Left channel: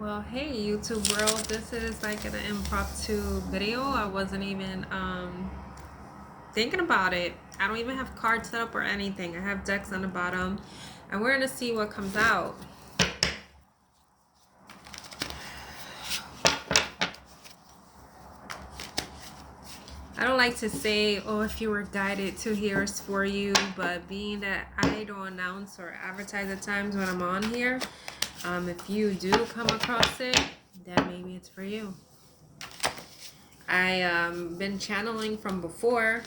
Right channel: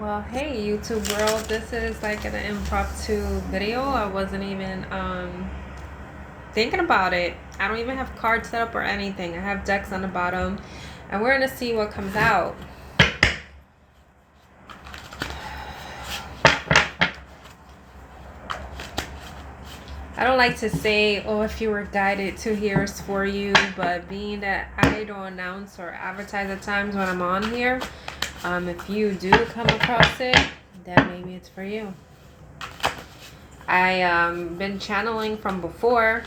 Well, hey YouTube world, this is like an impromptu video. I wasn't even thinking about it. I don't even have cards set up or anything. I have decks on the bottom and we're gonna see what comes out. I don't like to say, oh, if you were guided to here is for you, but being that I don't announce or advertise at times when I'm on here, if you do come across it, then maybe it's for you. I been channeling from before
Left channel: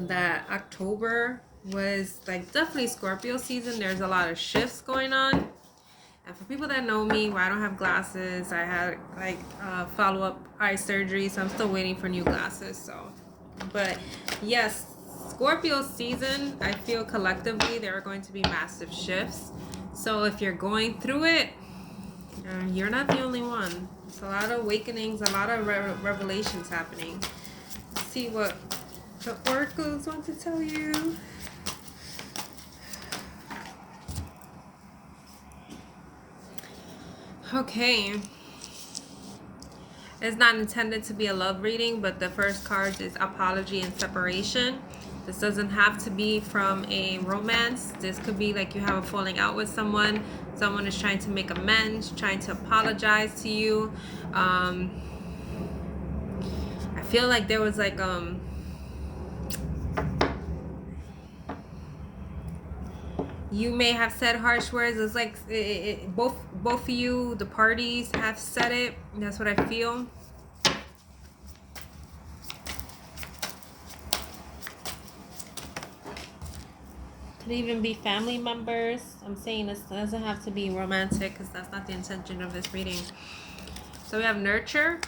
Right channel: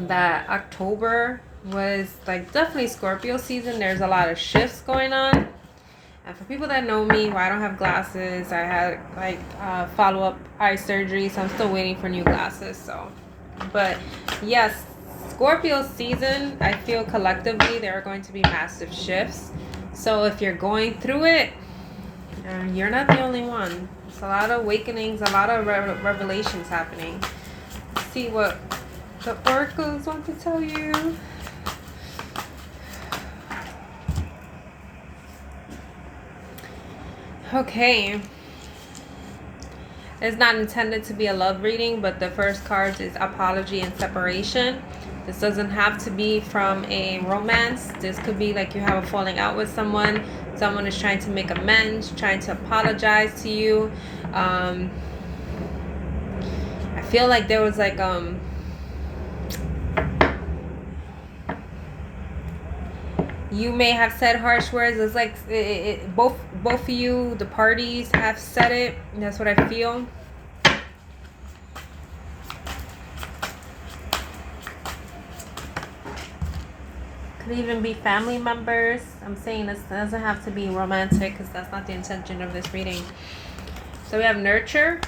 that October was like definitely Scorpio season. There's a lot of shifts going on. And for people that know me, well, I don't have glasses. I had like follow-up eye surgery, so I'm still waiting for new glasses. So, but yes, Scorpio season, I feel collectively there are going to be massive shifts. So if you're going through it, you're not the only one. It's a lot of awakenings, a lot of revelations happening. Let's see what the oracles want to tell you. Okay. It's not intended to be a love reading, but the first card is apology and separation. This doesn't have to be from a romance. This could be like you have a falling out with someone. Someone is trying to make amends, trying to apologize to you. I feel like there was like you may have said harsh words. It's like both of you, the parties, have said it. That's what I feel. Could even be family members. I'm saying this doesn't have to be romantic because that's not the intention of this reading. So we have nurture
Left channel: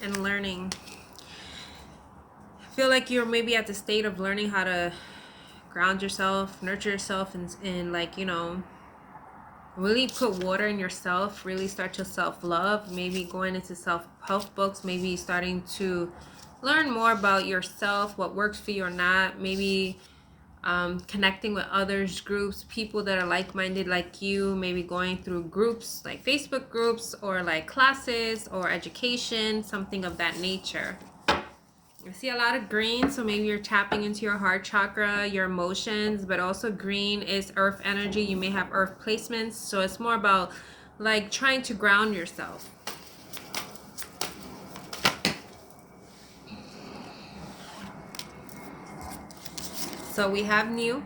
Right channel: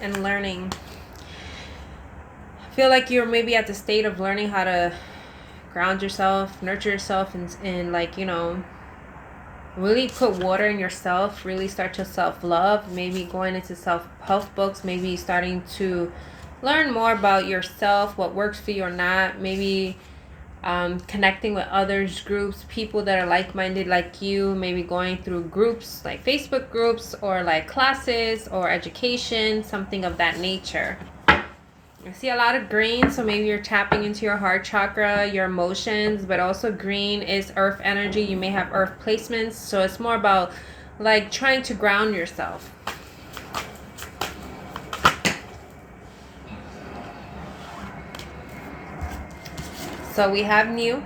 and learning. I feel like you're maybe at the state of learning how to ground yourself, nurture yourself, and like, you know, really put water in yourself, really start to self-love, maybe going into self-help books, maybe starting to learn more about yourself, what works for you or not, maybe connecting with others, groups, people that are like-minded like you, maybe going through groups like Facebook groups or like classes or education, something of that nature. I see a lot of green, so maybe you're tapping into your heart chakra, your emotions, but also green is earth energy. You may have earth placements, so it's more about like trying to ground yourself. So we have new.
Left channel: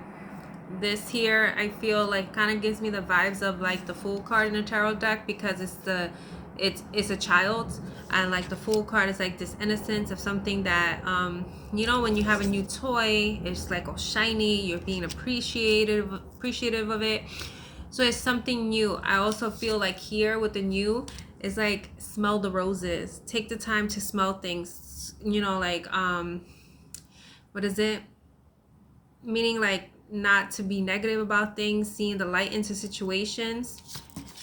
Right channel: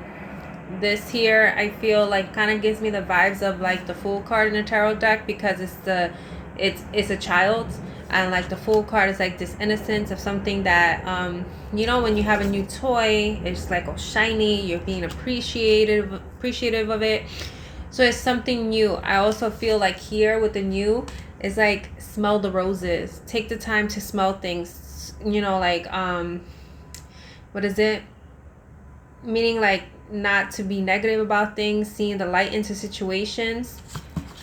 This here, I feel like kind of gives me the vibes of like the Fool card in the tarot deck, because it's a child, and like the Fool card is like this innocence of something that you know, when you have a new toy, it's like oh shiny, you're being appreciative of it. So it's something new. I also feel like here with the new is like smell the roses, take the time to smell things, you know, like what is it, meaning like not to be negative about things, seeing the light into situations.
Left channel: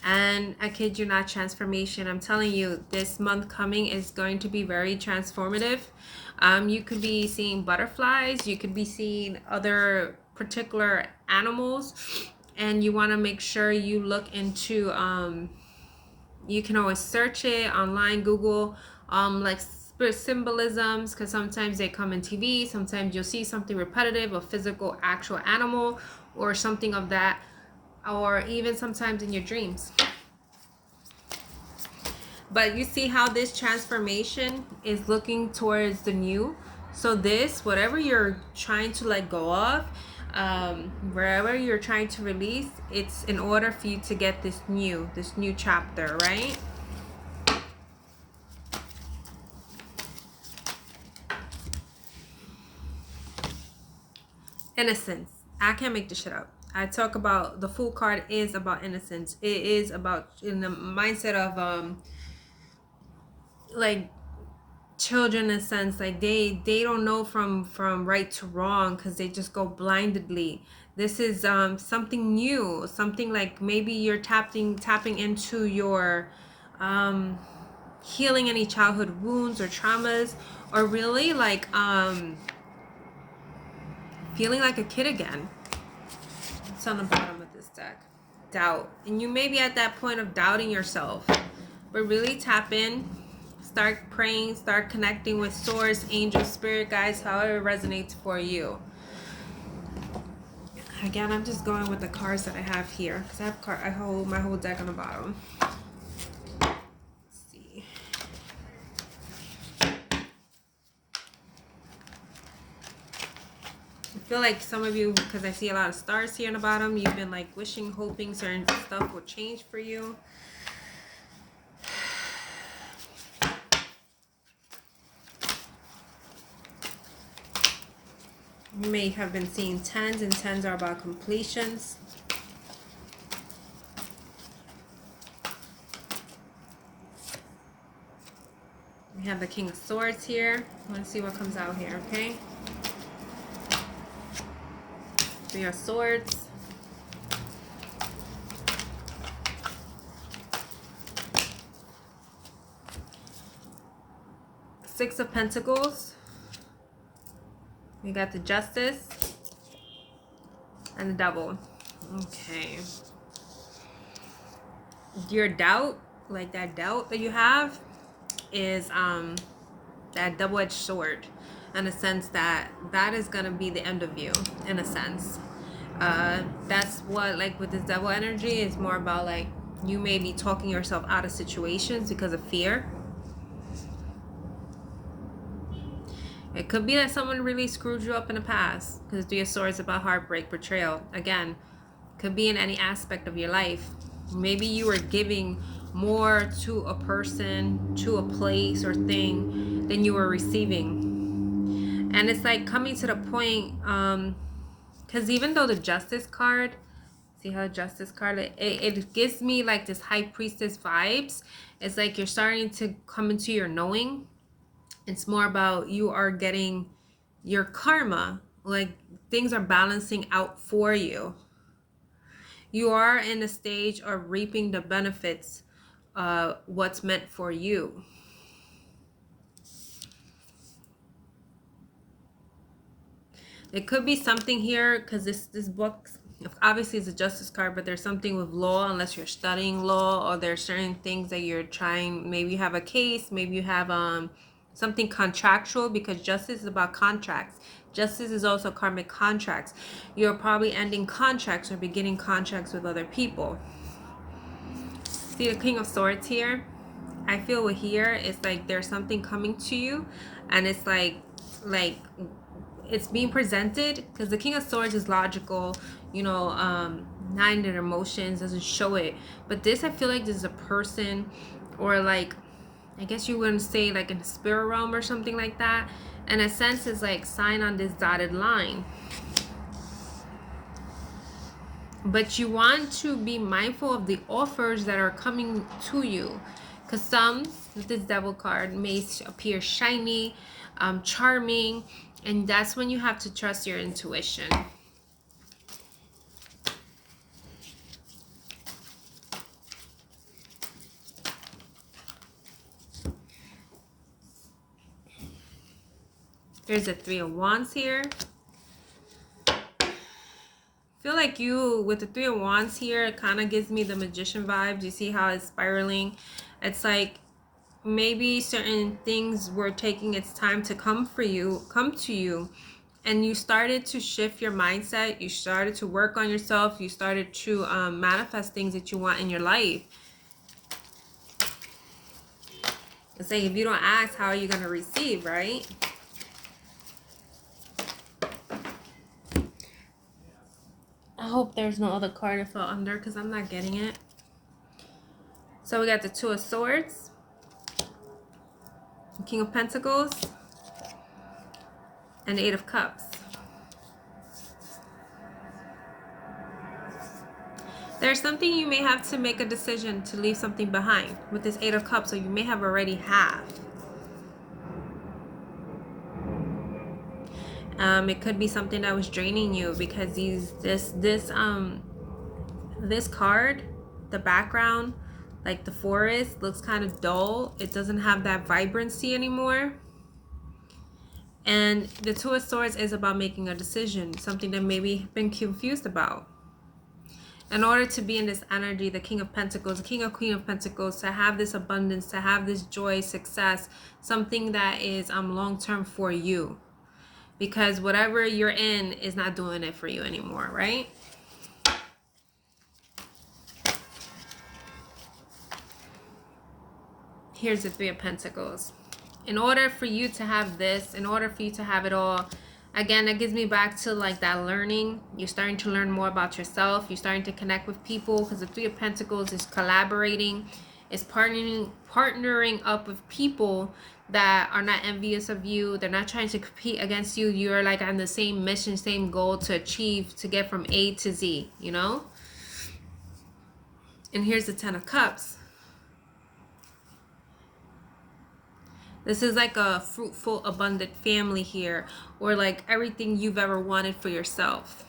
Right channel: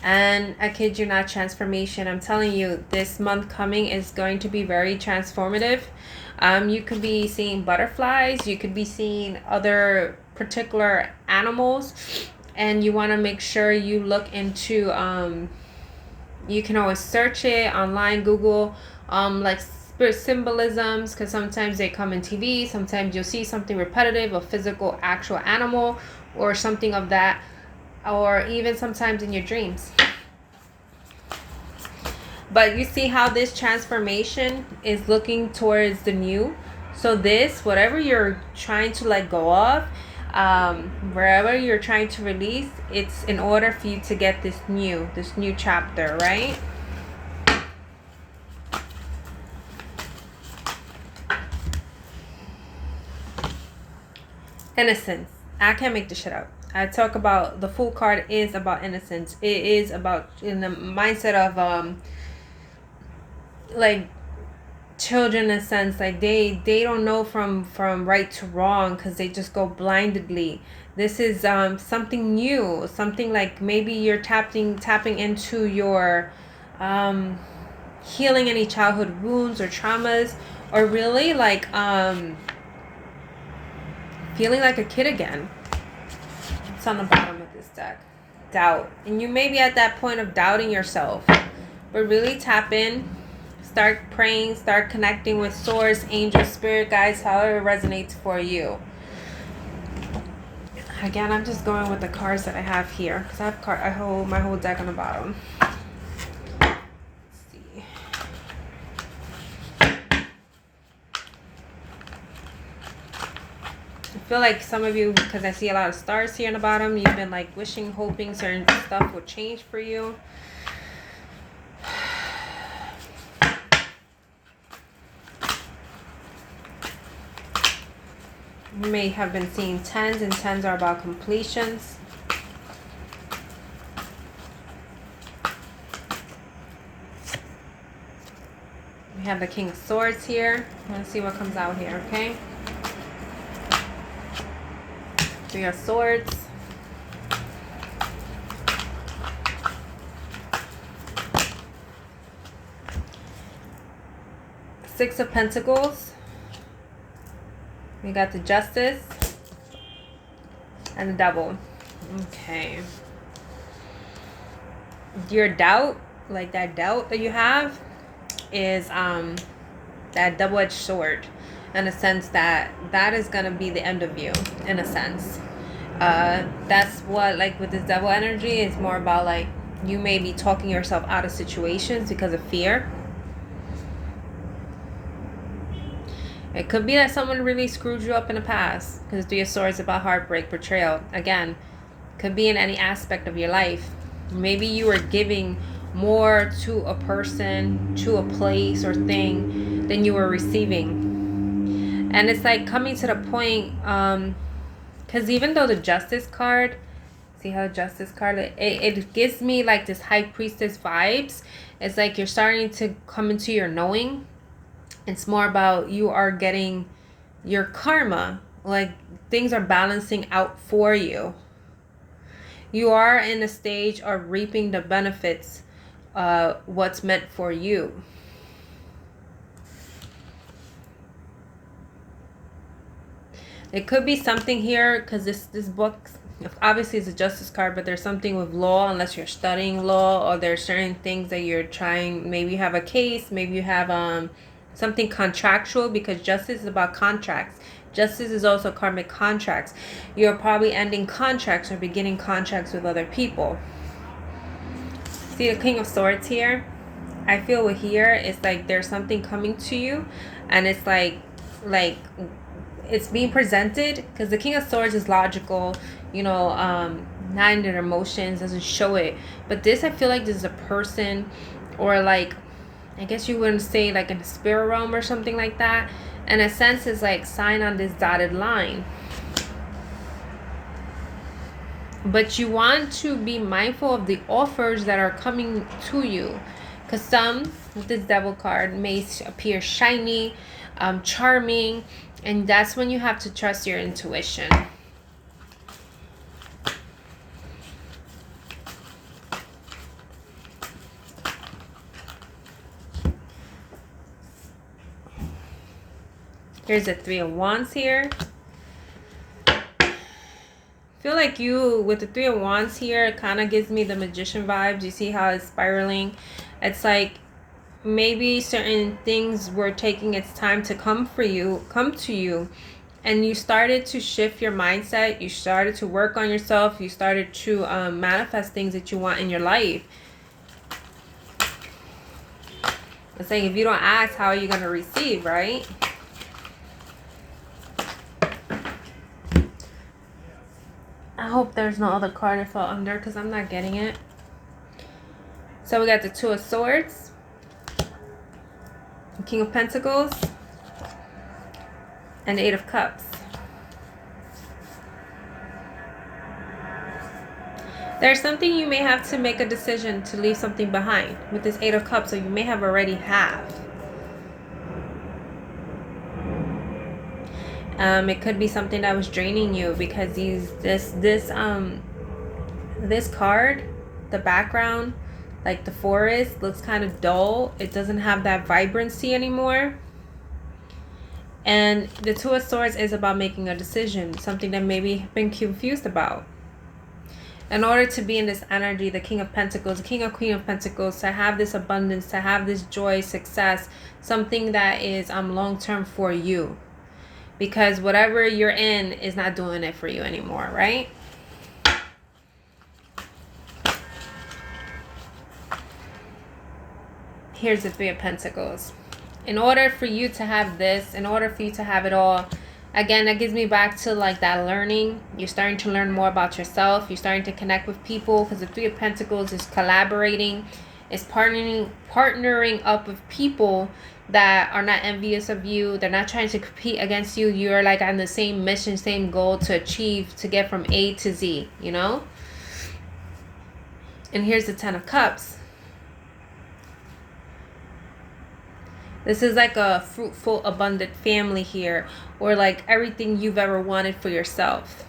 And I kid you not, transformation. I'm telling you, this month coming is going to be very transformative. You could be seeing butterflies, you could be seeing other particular animals, and you want to make sure you look into you can always search it online, Google like spirit symbolisms, because sometimes they come in TV, sometimes you'll see something repetitive, a physical actual animal or something of that, or even sometimes in your dreams. But you see how this transformation is looking towards the new. So this, whatever you're trying to let go of, wherever you're trying to release, it's in order for you to get this new chapter, right? Innocence. I can't make this shit up. I talk about the Fool card is about innocence. It is about in the mindset of like children, in a sense, like they don't know from right to wrong because they just go blindedly. This is something new, something like maybe you're tapping into your healing any childhood wounds or traumas, or really like feeling like a kid again. It's on the bottom of this deck. Doubt. And you may be at that point of doubting yourself. But really tap in, start praying, start connecting with source, angel, spirit guides, however it resonates for you. Again, I'm just going with the cards that I have here because I hold my whole deck on the bottom. Let's see. I feel like some of you, because I see a lot of stars here on the bottom, you've been like wishing, hoping certain stuff will change for you. You may have been seeing tens, and tens are about completions. We have the King of Swords here. Let's see what comes out here, okay? Three of Swords. Six of Pentacles. We got the Justice and the Devil. Okay. Your doubt, like that doubt that you have, is that double-edged sword, in a sense that is gonna be the end of you, in a sense. That's what, like with this Devil energy, it's more about like you may be talking yourself out of situations because of fear. It could be that someone really screwed you up in the past, because Three of Swords is about heartbreak, betrayal. Again, could be in any aspect of your life. Maybe you were giving more to a person, to a place or thing than you were receiving. And it's like coming to the point, because even though the Justice card, see how the Justice card, it gives me like this High Priestess vibes. It's like you're starting to come into your knowing. It's more about you are getting your karma, like things are balancing out for you. You are in a stage of reaping the benefits, what's meant for you. It could be something here, because this book obviously is a Justice card, but there's something with law, unless you're studying law, or there's certain things that you're trying. Maybe you have a case, maybe you have something contractual, because Justice is about contracts. Justice is also karmic contracts. You're probably ending contracts or beginning contracts with other people. See the King of Swords here? I feel with here, it's like there's something coming to you, and it's like it's being presented, because the King of Swords is logical, you know, not in their emotions, doesn't show it. But this, I feel like this is a person, or like, I guess you wouldn't say like in the spirit realm or something like that. In a sense, it's like sign on this dotted line. But you want to be mindful of the offers that are coming to you. Because some, with this Devil card, may appear shiny, charming. And that's when you have to trust your intuition. Here's a Three of Wands here. I feel like you, with the Three of Wands here, it kind of gives me the Magician vibes. You see how it's spiraling? It's like maybe certain things were taking its time to come to you. And you started to shift your mindset. You started to work on yourself. You started to manifest things that you want in your life. It's like if you don't ask, how are you going to receive, right? I hope there's no other card that fell under, because I'm not getting it. So we got the Two of Swords, the King of Pentacles, and the Eight of Cups. There's something you may have to make a decision to leave something behind with this Eight of Cups, so you may have already have. It could be something that was draining you, because this card, the background, like the forest, looks kind of dull. It doesn't have that vibrancy anymore. And the Two of Swords is about making a decision, something that maybe you've been confused about. In order to be in this energy, the King of Pentacles, the King of Queen of Pentacles, to have this abundance, to have this joy, success, something that is long-term for you. Because whatever you're in is not doing it for you anymore, right? Here's the Three of Pentacles. In order for you to have this, in order for you to have it all, again, that gives me back to like that learning. You're starting to learn more about yourself. You're starting to connect with people, because the Three of Pentacles is collaborating, is partnering up with people that are not envious of you. They're not trying to compete against you. You're like on the same mission, same goal to achieve, to get from A to Z, you know? And here's the Ten of Cups. This is like a fruitful, abundant family here, or like everything you've ever wanted for yourself.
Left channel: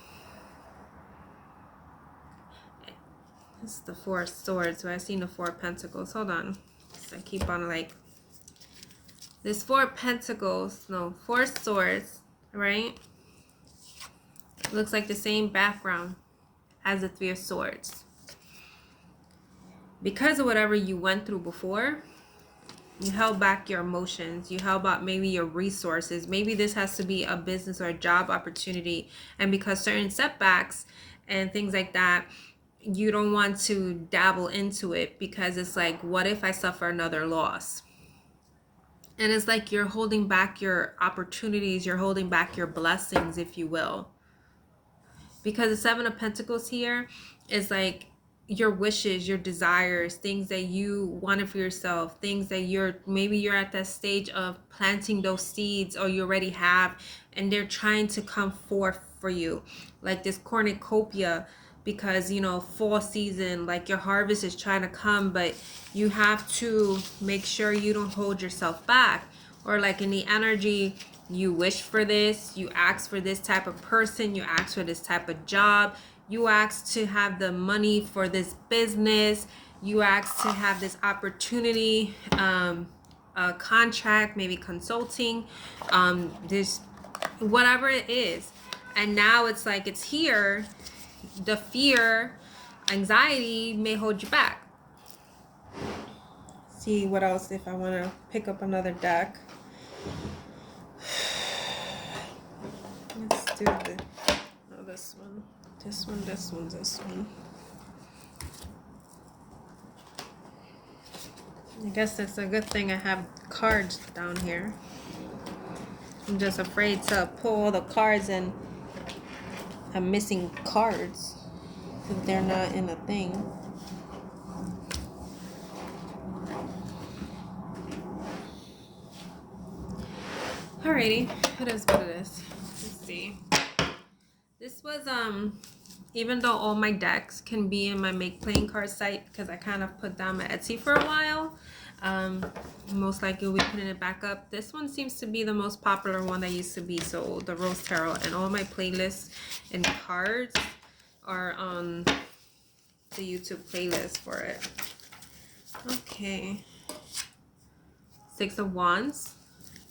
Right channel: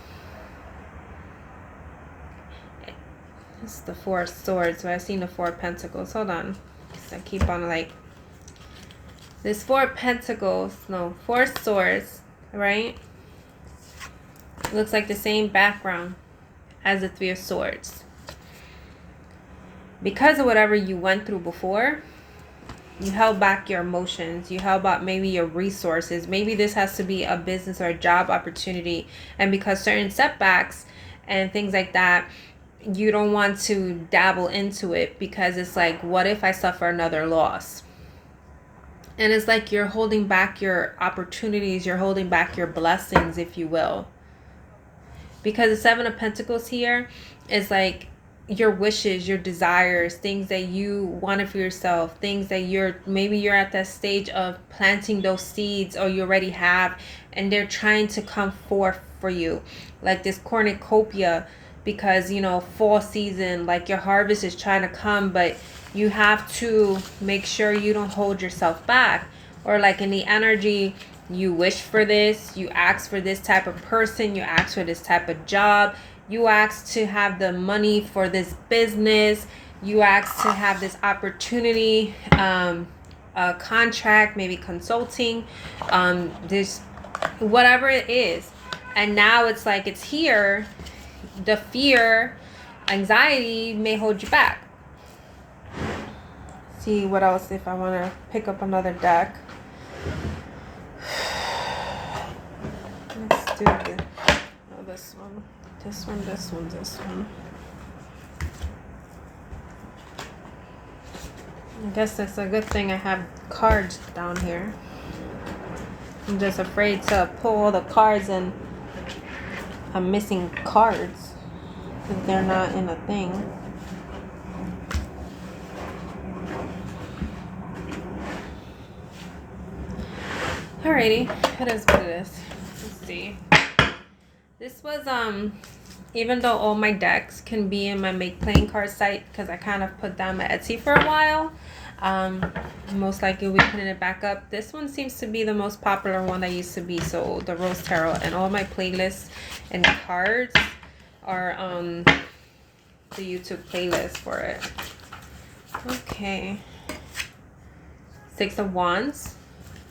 It's the Four of Swords, but I've seen the Four of Pentacles. Hold on. So I keep on like... This Four of Pentacles, no, Four of Swords, right? It looks like the same background as the Three of Swords. Because of whatever you went through before, you held back your emotions. You held back maybe your resources. Maybe this has to be a business or a job opportunity. And because certain setbacks and things like that, you don't want to dabble into it, because it's like, what if I suffer another loss? And it's like you're holding back your opportunities. You're holding back your blessings, if you will. Because the Seven of Pentacles here is like your wishes, your desires, things that you wanted for yourself, things that maybe you're at that stage of planting those seeds, or you already have, and they're trying to come forth for you. Like this cornucopia, because, you know, fall season, like your harvest is trying to come, but you have to make sure you don't hold yourself back. Or like in the energy, you wish for this, you ask for this type of person, you ask for this type of job, you ask to have the money for this business, you ask to have this opportunity, a contract, maybe consulting, this, whatever it is. And now it's like it's here. The fear, anxiety may hold you back. See what else, if I want to pick up another deck. Let's do this one. This one, this one, this one. I guess that's a good thing I have cards down here. I'm just afraid to pull all the cards and I'm missing cards if they're not in a thing. Alrighty, it is what it is. Let's see. This was even though all my decks can be in my Make Playing Card site, because I kind of put down my Etsy for a while, most likely we'll be putting it back up. This one seems to be the most popular one that used to be sold, the Rose Tarot, and all my playlists and cards are on the YouTube playlist for it. Okay, Six of Wands.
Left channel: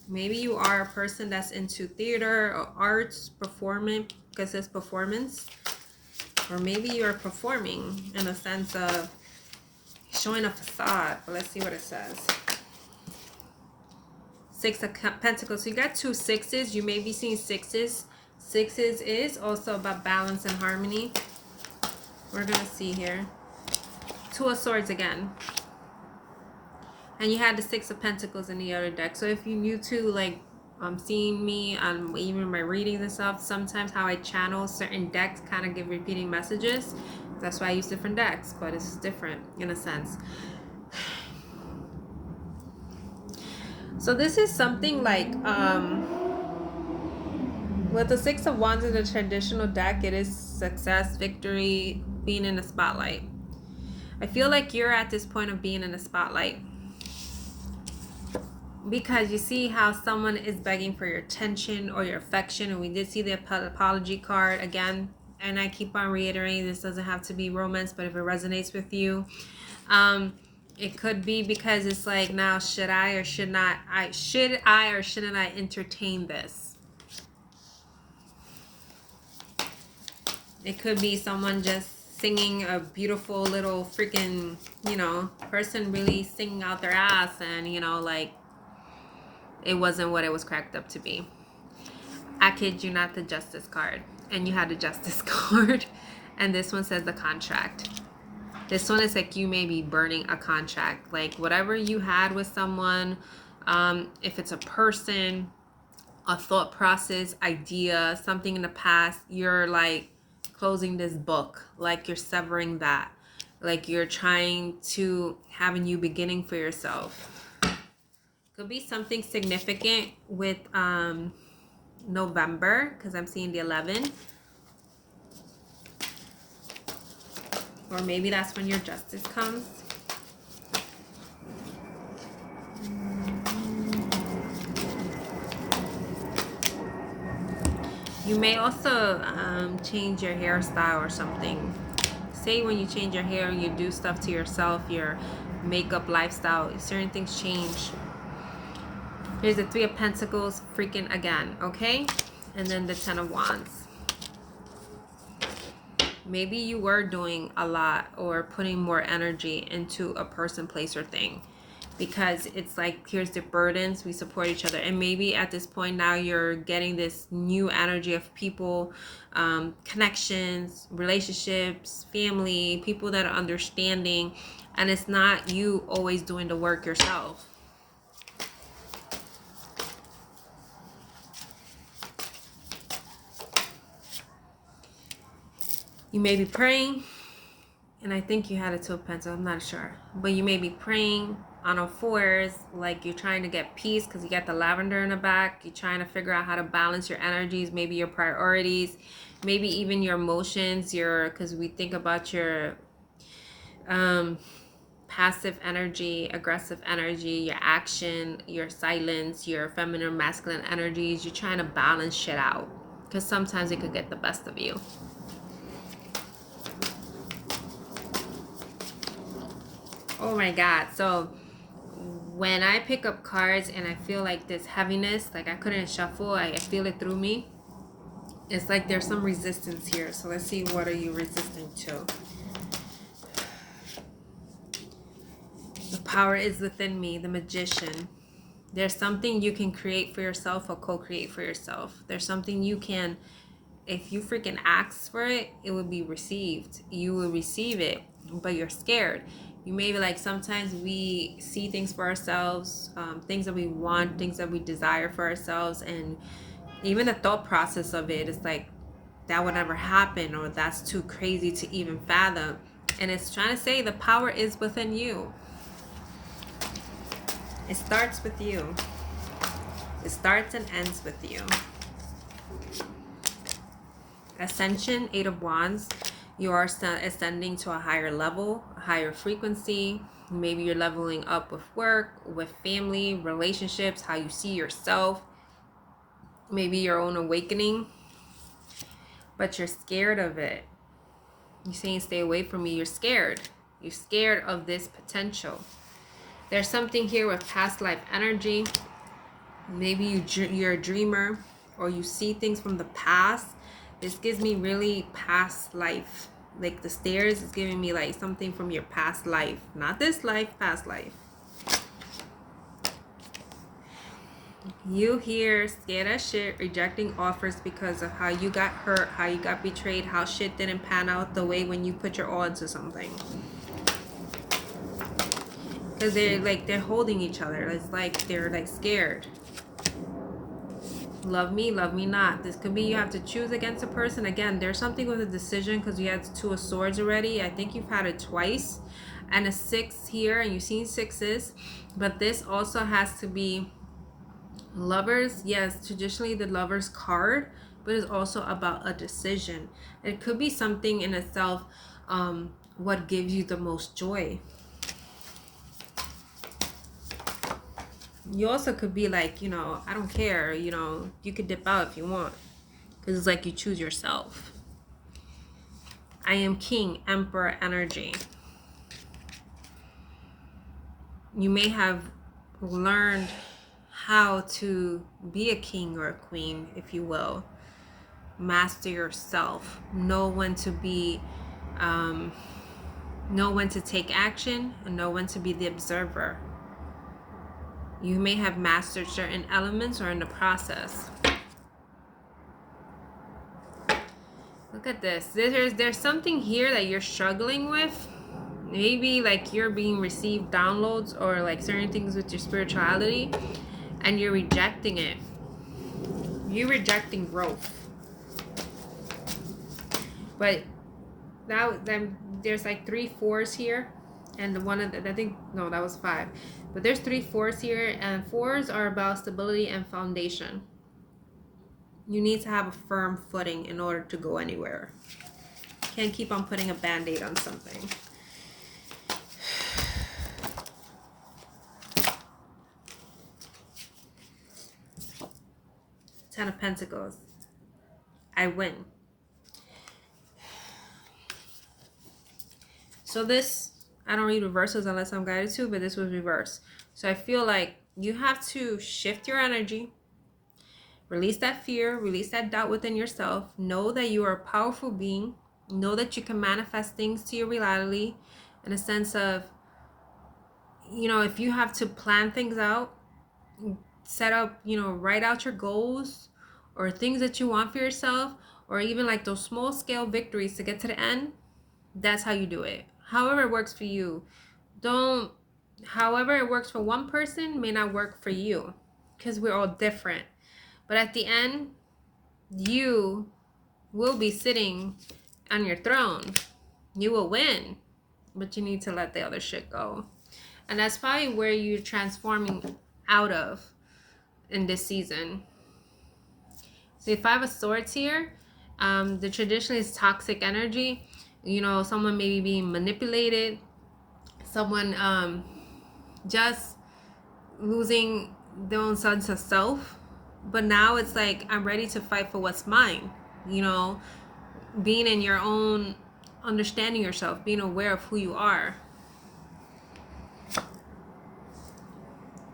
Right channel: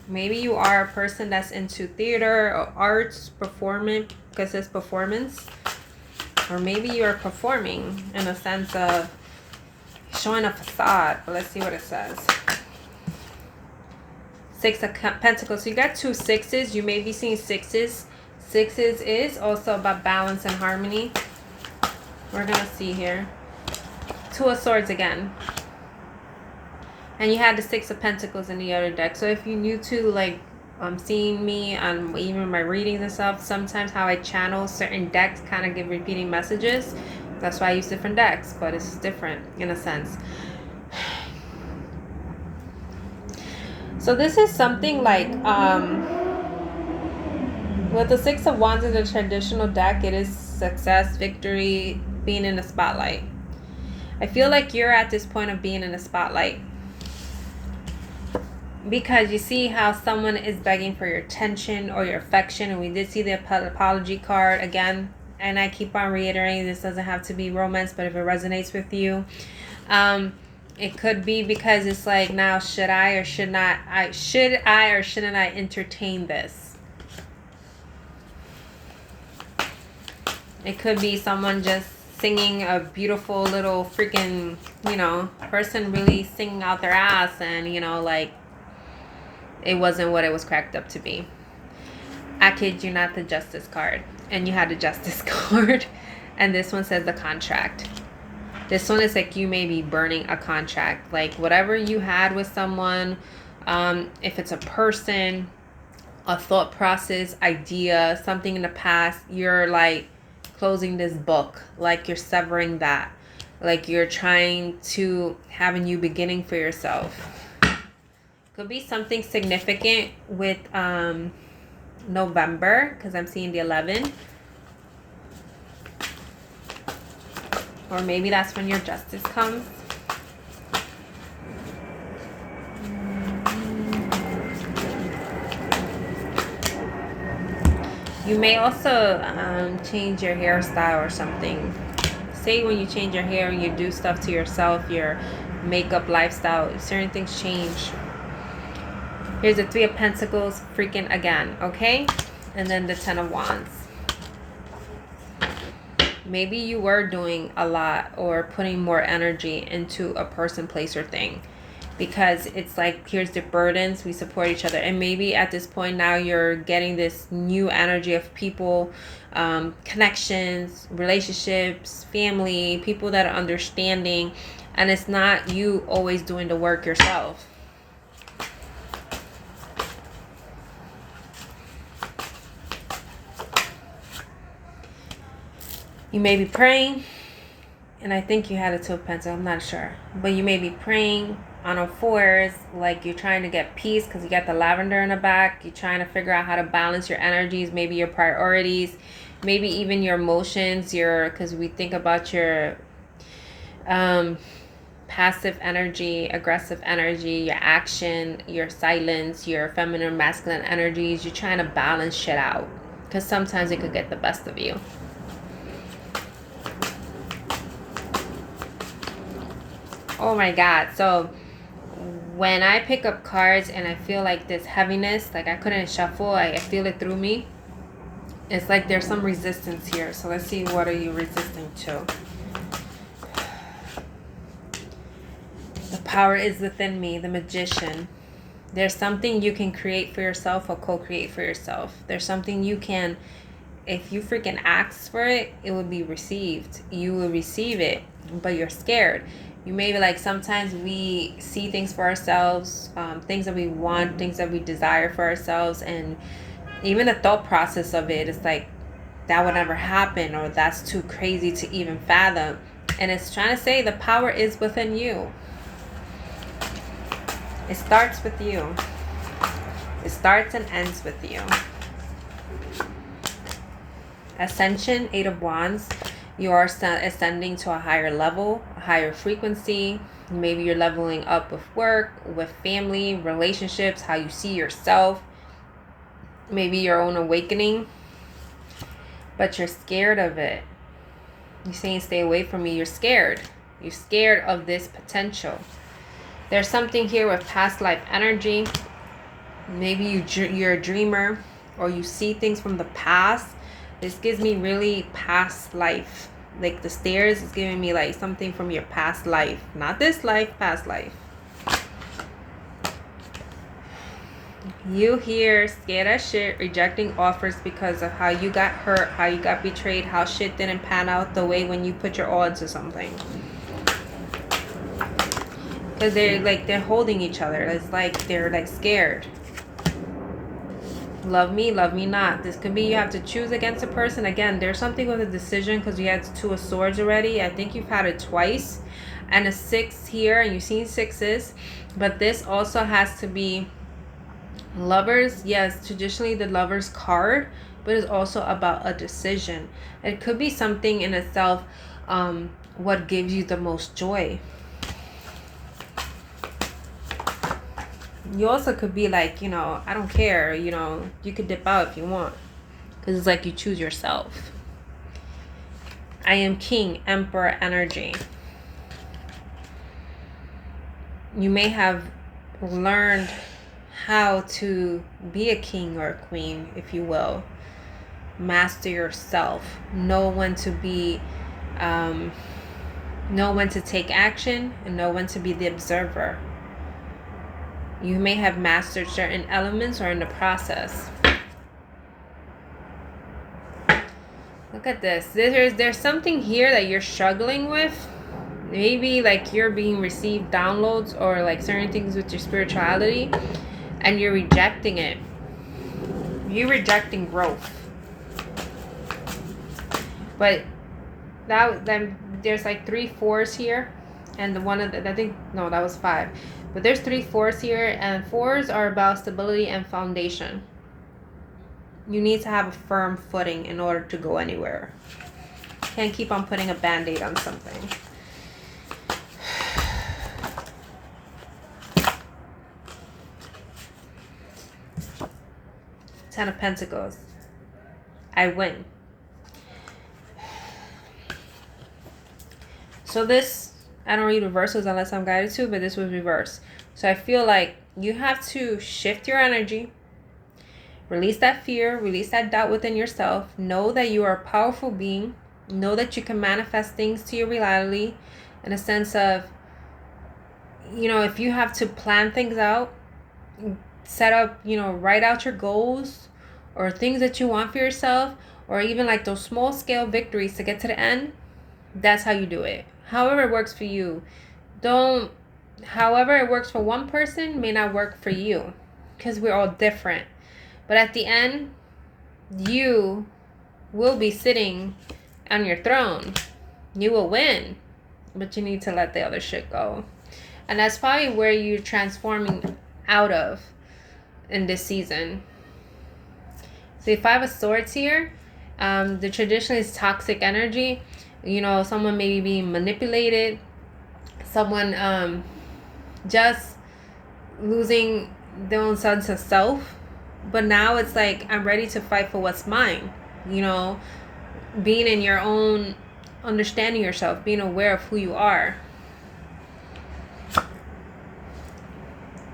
Maybe you are a person that's into theater or arts, performance, because it's performance. Or maybe you're performing in a sense of showing a facade. But let's see what it says. Six of Pentacles. So you got two sixes. You may be seeing sixes. Sixes is also about balance and harmony. We're going to see here. Two of Swords again. And you had the Six of Pentacles in the other deck. So if you're new to like seeing me on even my readings and stuff, sometimes how I channel certain decks kind of give repeating messages. That's why I use different decks, but it's different in a sense. So this is something like with the Six of Wands in the traditional deck, it is success, victory, being in the spotlight. I feel like you're at this point of being in the spotlight. Because you see how someone is begging for your attention or your affection. And we did see the apology card again. And I keep on reiterating, this doesn't have to be romance, but if it resonates with you. It could be because it's like, now should I or should not? Should I or shouldn't I entertain this? It could be someone just singing a beautiful little freaking, you know, person really singing out their ass, and, you know, like, it wasn't what it was cracked up to be. I kid you not, the Justice card. And you had the Justice card. And this one says the contract. This one is like you may be burning a contract. Like whatever you had with someone, if it's a person, a thought process, idea, something in the past, you're like closing this book. Like you're severing that. Like you're trying to have a new beginning for yourself. Could be something significant with November, because I'm seeing the 11. Or maybe that's when your Justice comes. You may also change your hairstyle or something. Say when you change your hair and you do stuff to yourself, your makeup, lifestyle, certain things change. Here's the 3 of Pentacles freaking again, okay? And then the 10 of Wands. Maybe you were doing a lot or putting more energy into a person, place, or thing. Because it's like, here's the burdens, we support each other. And maybe at this point now you're getting this new energy of people, connections, relationships, family, people that are understanding. And it's not you always doing the work yourself. You may be praying, and I think you had a 2 of Pentacles, I'm not sure. But you may be praying on all fours, like you're trying to get peace because you got the lavender in the back. You're trying to figure out how to balance your energies, maybe your priorities, maybe even your emotions, because we think about your passive energy, aggressive energy, your action, your silence, your feminine, masculine energies. You're trying to balance shit out because sometimes it could get the best of you. Oh my God. So when I pick up cards and I feel like this heaviness, like I couldn't shuffle, I feel it through me. It's like there's some resistance here. So let's see, what are you resisting to? The power is within me, the Magician. There's something you can create for yourself or co-create for yourself. There's something you can, if you freaking ask for it, it will be received. You will receive it, but you're scared. You may be like, sometimes we see things for ourselves, things that we want, things that we desire for ourselves. And even the thought process of it is like, that would never happen, or that's too crazy to even fathom. And it's trying to say the power is within you. It starts with you. It starts and ends with you. Ascension, 8 of Wands. You are ascending to a higher level, a higher frequency. Maybe you're leveling up with work, with family, relationships, how you see yourself. Maybe your own awakening. But you're scared of it. You're saying, stay away from me. You're scared. You're scared of this potential. There's something here with past life energy. Maybe you're a dreamer, or you see things from the past. This gives me really past life. Like the stairs is giving me like something from your past life. Not this life, past life. You here scared as shit, rejecting offers because of how you got hurt, how you got betrayed, how shit didn't pan out the way when you put your all into something. Because they're holding each other. It's like they're like scared. Love me not. This could be you have to choose against a person. Again, there's something with a decision because you had 2 of Swords already. I think you've had it twice. And a 6 here, and you've seen 6s. But this also has to be Lovers. Yes, traditionally the Lovers card, but it's also about a decision. It could be something in itself, what gives you the most joy. You also could be like, I don't care, you could dip out if you want. Because it's like you choose yourself. I am King, Emperor energy. You may have learned how to be a king or a queen, if you will. Master yourself. Know when to be Know when to take action and know when to be the observer. You may have mastered certain elements or in the process. Look at this. There's something here that you're struggling with. Maybe like you're being received downloads or like certain things with your spirituality, and you're rejecting it. You're rejecting growth. But then there's like 3 4s here, and the one of the, I think no, that was 5. But there's 3 4s here, and 4s are about stability and foundation. You need to have a firm footing in order to go anywhere. Can't keep on putting a band-aid on something. Ten of Pentacles. I win. So this, I don't read reversals unless I'm guided to, but this was reversed. So I feel like you have to shift your energy. Release that fear, release that doubt within yourself. Know that you are a powerful being. Know that you can manifest things to your reality in a sense of, you know, if you have to plan things out, set up, you know, write out your goals or things that you want for yourself, or even like those small scale victories to get to the end. That's how you do it. However it works for you. However it works for one person may not work for you, because we're all different. But at the end, you will be sitting on your throne. You will win. But you need to let the other shit go. And that's probably where you're transforming out of in this season. So 5 of Swords here, the tradition is toxic energy. You know, someone may be being manipulated. Someone just losing their own sense of self. But now it's like, I'm ready to fight for what's mine. You know, being in your own, understanding yourself, being aware of who you are.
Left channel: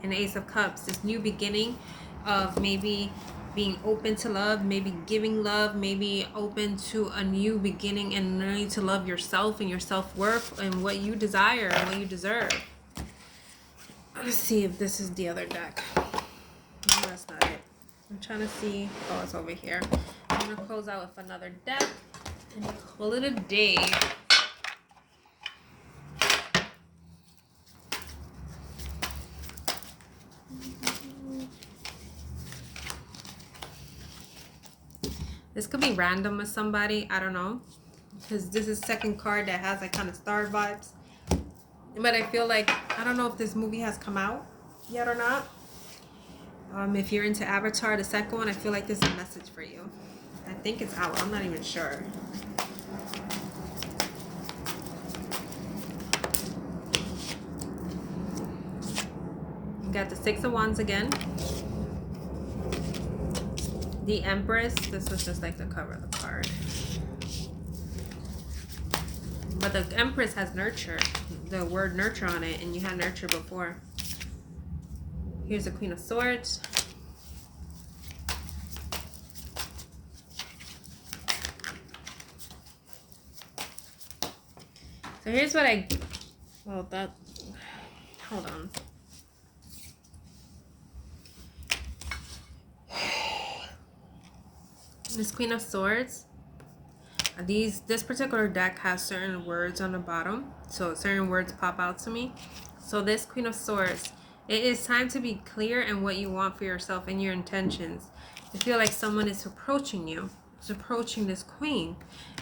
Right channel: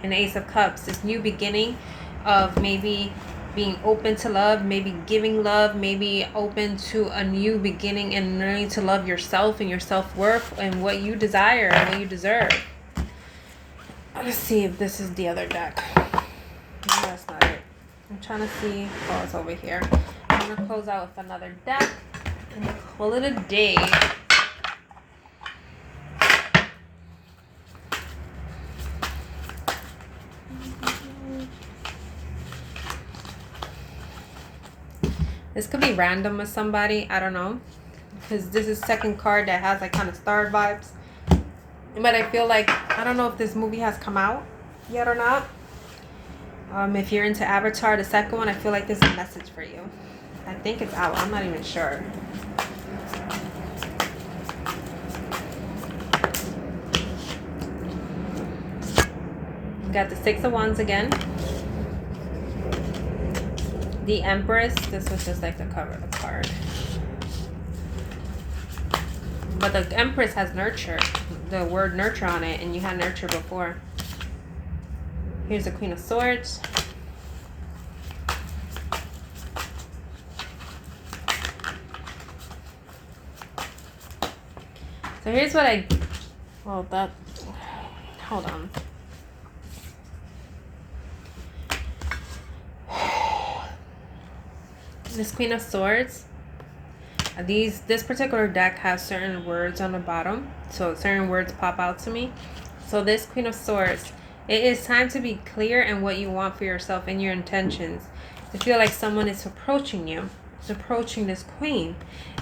An Ace of Cups, this new beginning of maybe being open to love, maybe giving love, maybe open to a new beginning and learning to love yourself and your self-worth and what you desire and what you deserve. Let's see if this is the other deck. No, that's not it. I'm trying to see. Oh, it's over here. I'm going to close out with another deck and call it a day. This could be random with somebody. I don't know. Because this is second card that has like kind of star vibes. But I feel like, I don't know if this movie has come out yet or not. If you're into Avatar, the second one, I feel like there's a message for you. I think it's out. I'm not even sure. You got the 6 of Wands again. The Empress. This was just like the cover of the card. But the Empress has nurture. The word nurture on it. And you had nurture before. Here's the Queen of Swords. So here's what hold on. This Queen of Swords. This particular deck has certain words on the bottom. So certain words pop out to me. So this Queen of Swords. It is time to be clear in what you want for yourself and your intentions. I feel like someone is approaching you. It's approaching this queen.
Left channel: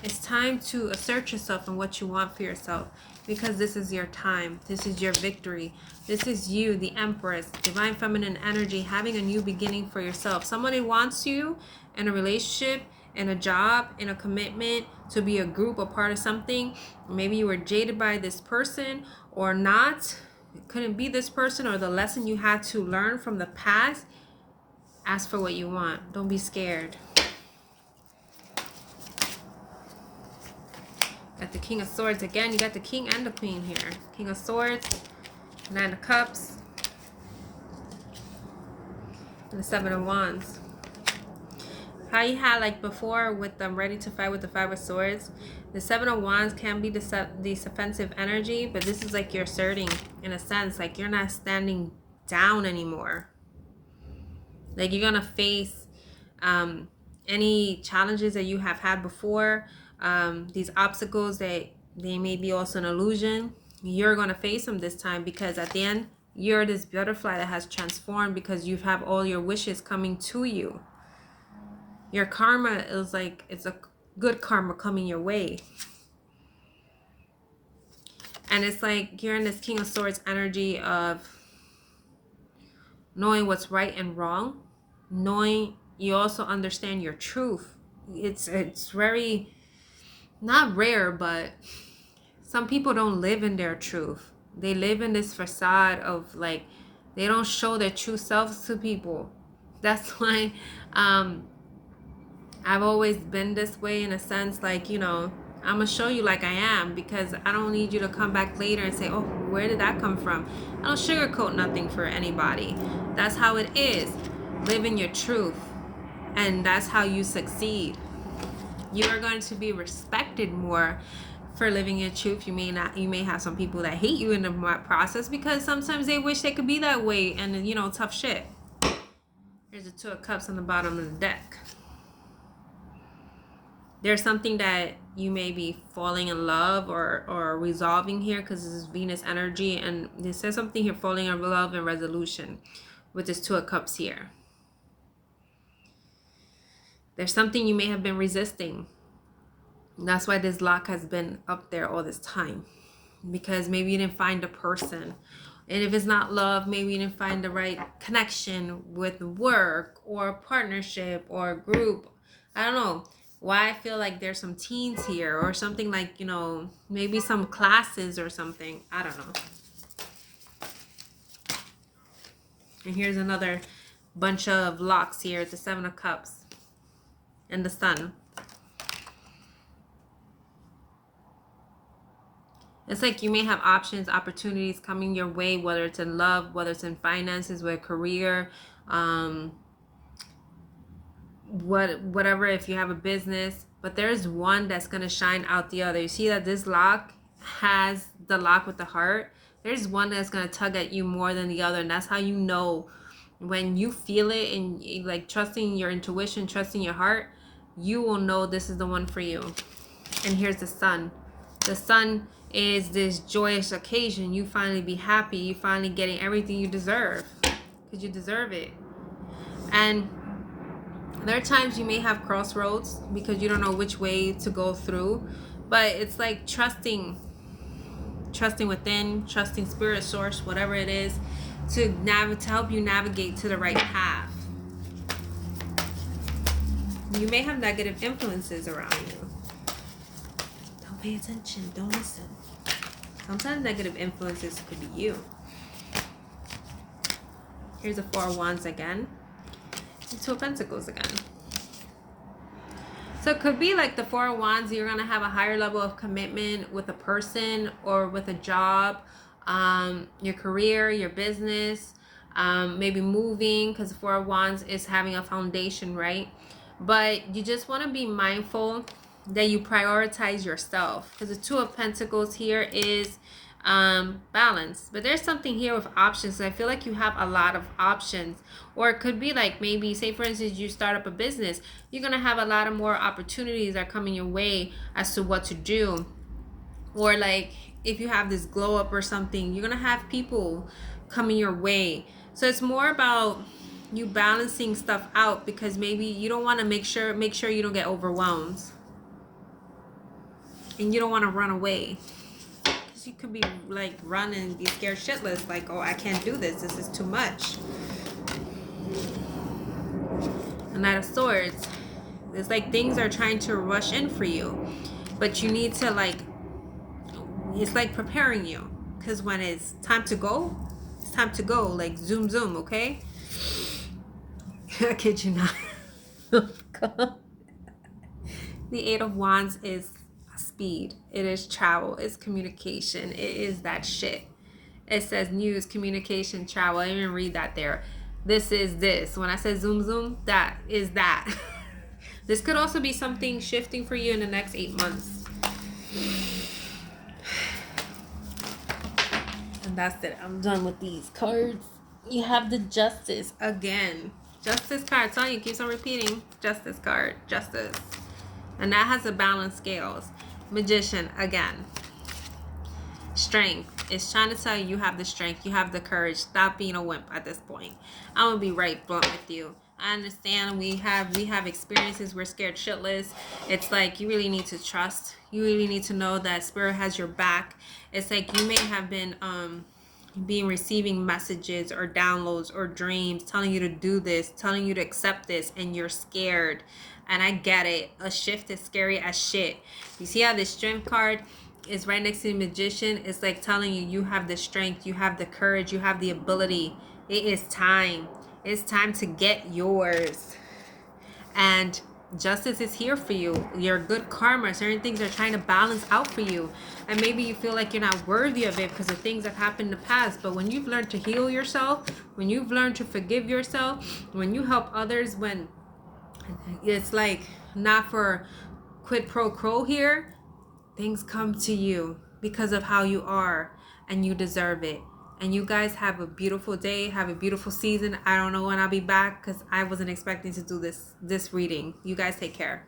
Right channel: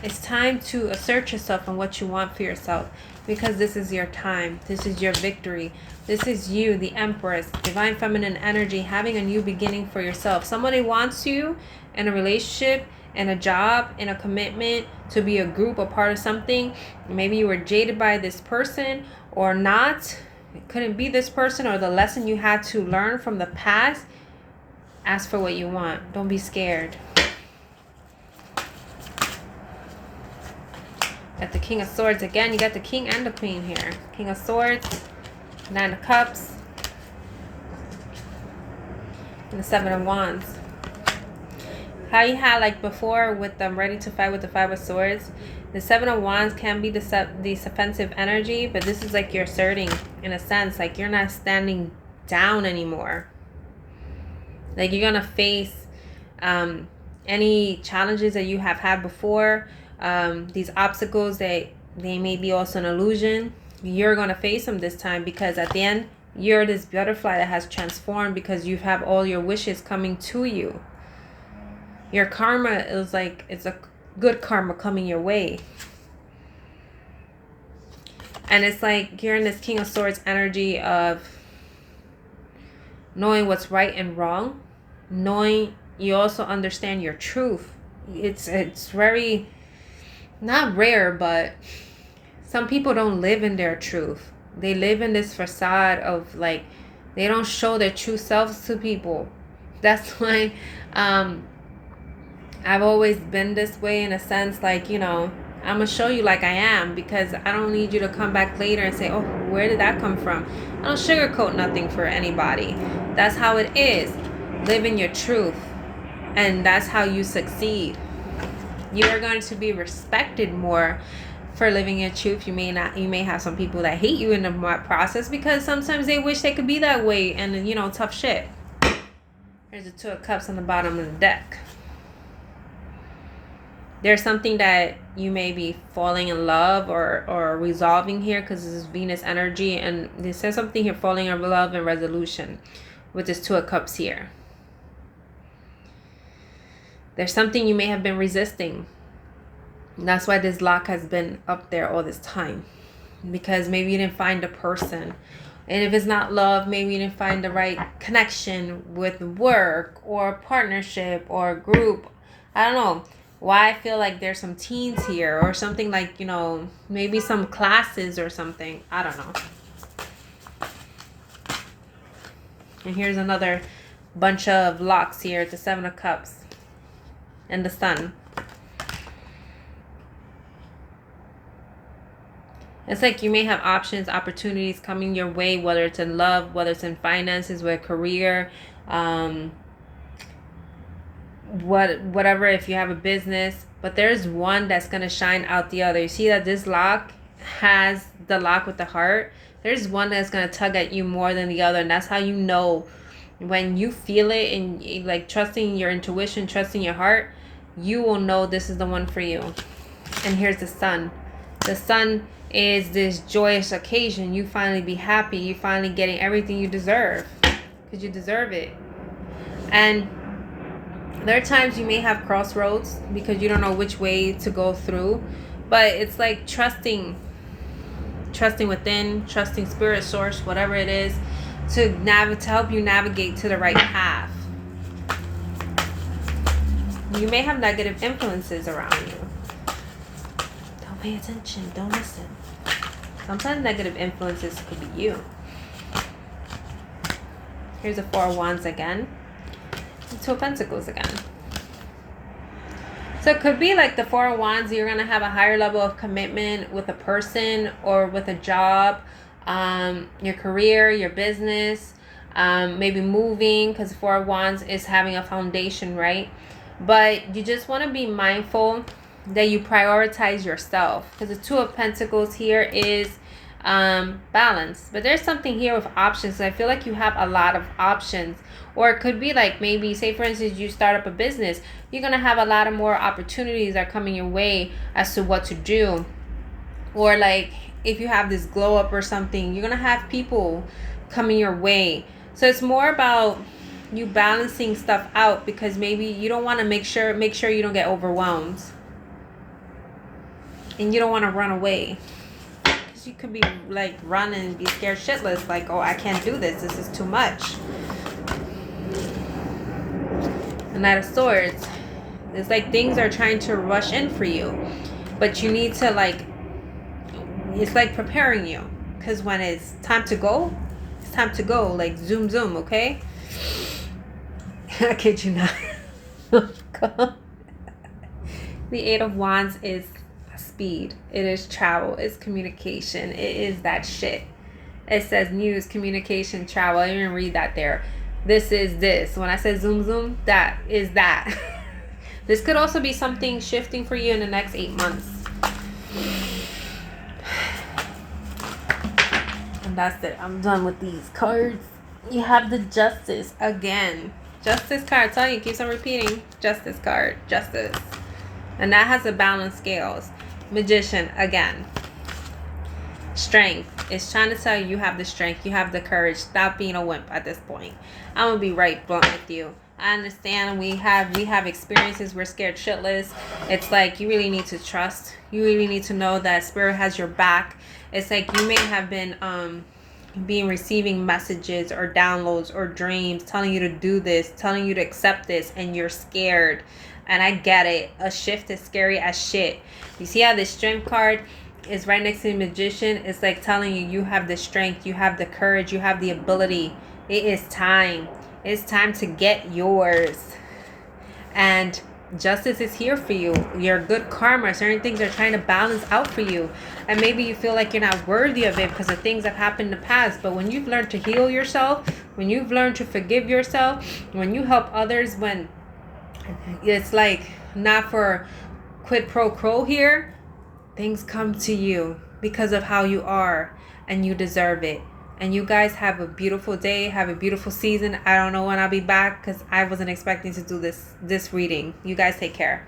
It's time to assert yourself and what you want for yourself. Because this is your time. This is your victory. This is you, the Empress. Divine feminine energy. Having a new beginning for yourself. Somebody wants you in a relationship, in a job, in a commitment, to be a group, a part of something. Maybe you were jaded by this person or not. It couldn't be this person, or the lesson you had to learn from the past. Ask for what you want. Don't be scared. Got the King of Swords again. You got the King and the Queen here. King of Swords, 9 of Cups, and the 7 of Wands. How you had like before with them ready to fight with the 5 of Swords. The Seven of Wands can be this offensive energy, but this is like you're asserting, in a sense, like you're not standing down anymore. Like you're gonna face any challenges that you have had before, these obstacles that they may be also an illusion. You're gonna face them this time, because at the end, you're this butterfly that has transformed, because you have all your wishes coming to you. Your karma is like, it's a good karma coming your way. And it's like you're in this King of Swords energy of knowing what's right and wrong, knowing you also understand your truth. It's very, not rare, but some people don't live in their truth. They live in this facade of like, they don't show their true selves to people. That's why I've always been this way, in a sense, like, you know, I'm going to show you like I am, because I don't need you to come back later and say, oh, where did that come from? I don't sugarcoat nothing for anybody. That's how it is. Live in your truth. And that's how you succeed. You are going to be respected more for living your truth. You may have some people that hate you in the process, because sometimes they wish they could be that way, and, you know, tough shit. There's the Two of Cups on the bottom of the deck. There's something that you may be falling in love or resolving here, because this is Venus energy, and this says something here, falling in love and resolution with this Two of Cups here. There's something you may have been resisting. That's why this lock has been up there all this time, because maybe you didn't find a person. And if it's not love, maybe you didn't find the right connection with work or partnership or group. I don't know why I feel like there's some teens here, or something like, you know, maybe some classes or something. I don't know. And here's another bunch of locks here. It's the Seven of Cups and the Sun. It's like you may have options, opportunities coming your way, whether it's in love, whether it's in finances, with career, whatever, if you have a business. But there's one that's going to shine out the other. You see that this lock has the lock with the heart. There's one that's going to tug at you more than the other. And that's how you know, when you feel it, and like trusting your intuition, trusting your heart, you will know this is the one for you. And here's the Sun. The Sun is this joyous occasion. You finally be happy. You finally getting everything you deserve, because you deserve it. And there are times you may have crossroads, because you don't know which way to go through. But it's like trusting within, trusting spirit, source, whatever it is, to help you navigate to the right path. You may have negative influences around you. Don't pay attention. Don't listen. Sometimes negative influences could be you. Here's the Four of Wands again. The Two of Pentacles again. So it could be like the Four of Wands, you're going to have a higher level of commitment with a person or with a job, your career, your business, maybe moving, because the Four of Wands is having a foundation, right? But you just want to be mindful that you prioritize yourself, because the Two of Pentacles here is balance. But there's something here with options. I feel like you have a lot of options. Or it could be like, maybe, say for instance, you start up a business. You're going to have a lot of more opportunities that are coming your way as to what to do. Or like, if you have this glow up or something, you're going to have people coming your way. So it's more about you balancing stuff out, because maybe you don't want to make sure you don't get overwhelmed. And you don't want to run away. Because you could be like running and be scared shitless. Like, oh, I can't do this. This is too much. The Knight of Swords. It's like things are trying to rush in for you. But you need to like, it's like preparing you. Because when it's time to go, it's time to go. Like zoom, zoom, okay? I kid you not. The Eight of Wands is speed. It is travel. It's communication. It is that shit. It says news, communication, travel. I didn't even read that there. This is this. When I said zoom, zoom, that is that. This could also be something shifting for you in the next 8 months. And that's it. I'm done with these cards. You have the Justice again. Justice card. Tell you, keeps on repeating. Justice card. Justice. And that has a balanced scales. Magician again. Strength. It's trying to tell you you have the strength. You have the courage. Stop being a wimp at this point. I'm gonna be right blunt with you. I understand we have experiences. We're scared shitless. It's like you really need to trust. You really need to know that spirit has your back. It's like you may have been being receiving messages or downloads or dreams telling you to do this, telling you to accept this, and you're scared. And I get it. A shift is scary as shit. You see how the strength card is right next to the Magician? It's like telling you you have the strength, you have the courage, you have the ability. It is time. It's time to get yours. And justice is here for you. Your good karma, certain things are trying to balance out for you. And maybe you feel like you're not worthy of it because of things that happened in the past. But when you've learned to heal yourself, when you've learned to forgive yourself, when you help others, when it's like not for quid pro quo here, things come to you because of how you are, and you deserve it. And you guys have a beautiful day. Have a beautiful season. I don't know when I'll be back because I wasn't expecting to do this reading. You guys take care.